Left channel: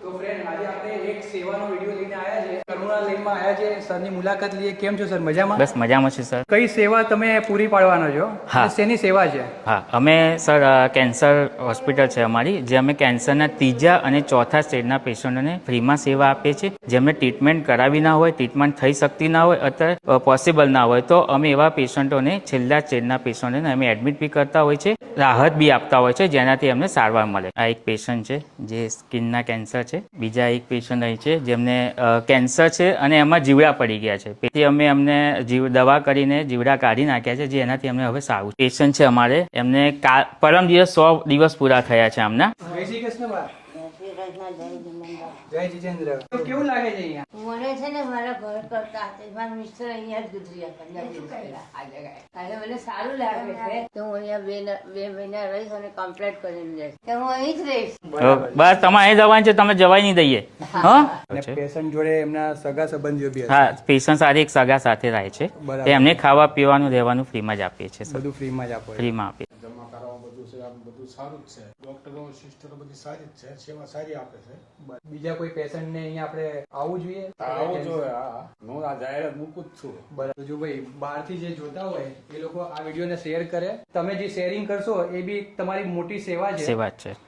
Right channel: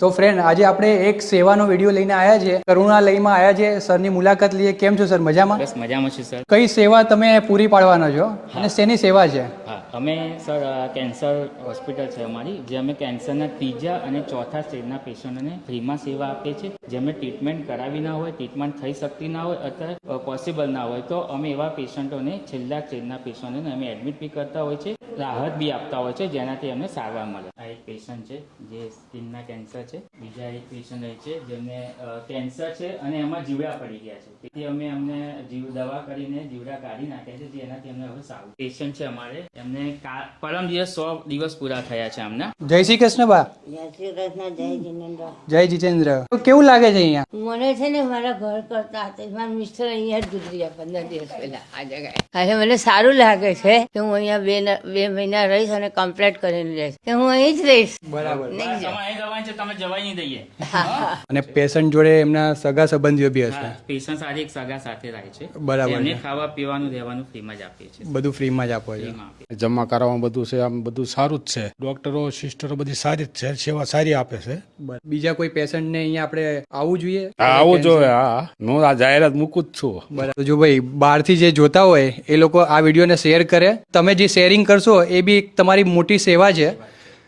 તો ફ્રેન્ડ આજે આપણે એક સેવાનો વીડિયો લઈને આવ્યા છે કરુણાલયમાં આવ્યા છે સરની મુલાકાત લઈએ. કેમ છો સર? મજામાં? બસ મજામાં છું સર. કઈ સેવા તમે પૂરી પાડવાના છો? હા. શેની સેવા છે? હા અમે સર કેન્સર હોસ્પિટલ છે અમારી જે અમે કેન્સરના ત્રીજા અને ચોથા સ્ટેજના પેશન્ટોને ફ્રીમાં સેવા આપીએ છીએ. જેમને ટ્રીટમેન્ટ કરાવી ના હોય ટ્રીટમેન્ટ થઈ શકતી ના હોય અથવા પોસિબલ ના હોય તો અમે એવા પેશન્ટોને છેલ્લા સ્ટેજના પેશન્ટોને અમે એડમિટ બી કરતા હોય છે રાહત બી આપતા હોય છે જેનાથી અમને સારવાર મળે. આ એક પેશન્ટ છે જે સ્કિનના કેન્સર છે. બીજા એક પેશન્ટ અહીં છે જેમને કેન્સર છે અને એમાં જીવડા પડી ગયા છે. તેથી અમે એમને જીવ, દવા કરીને જીવડા કાઢી નાખ્યા છે જે એનાથી અમને હવે સારું પેશન્ટ છે અમારે. એમને પરમ દિવસ સો દિવસ પૂરા થયા છે આમના. જય શ્રી કૃષ્ણ બા. જય જીતેન્દ્ર. કેવું લાગે છે અહીંયા? મને છે ને મારા ઘર કરતા હતા મારા મિસ્ટર અહીંયા જ ગુજરી પંદર દિવસ પહેલા આ જગ્યાએ મને સારું લાગે છે કે હું અહીંયા બે બે મહિના રહીશ અને કમ્પ્લીટ કરીને રહીશ કે હું અહીં જ રહીશ. બસ તમારે અહીં જવાનું છે તમે જવાય નહીં દઈએ. હા. અને પેશન્ટ જોડે એમના સગા સંબંધીઓ બી હા પેશન્ટ સાથે એક સગા સાથે રહે છે. બરાબર. એમને ખાવા પીવાનું રહેવાનું ફ્રીમાં જ આપીએ છીએ બધું ફ્રીમાં જ આપો ફ્રીમાં આપીએ. જમા કરાવવાનું બધું છે આમ બધું સારું જ છે. ડોક્ટરો સિસ્ટરો બધી સારી જ છે સેવા સારી આપે છે. બીજા કોઈ પેશન્ટને અહીંયા આપણે આવવું જોઈએ? આવવું જોઈએ હા હું. આ જાહેરાત મૂકું જ છું. બરાબર. જો ભાઈ બહારથી જે જોતા હોય એ લોકો આ વિડીયોને શેર કરે. તમે જે શેરિંગ કરશો એ બી એક તમારી મોટી સેવા છે. સેવા છે.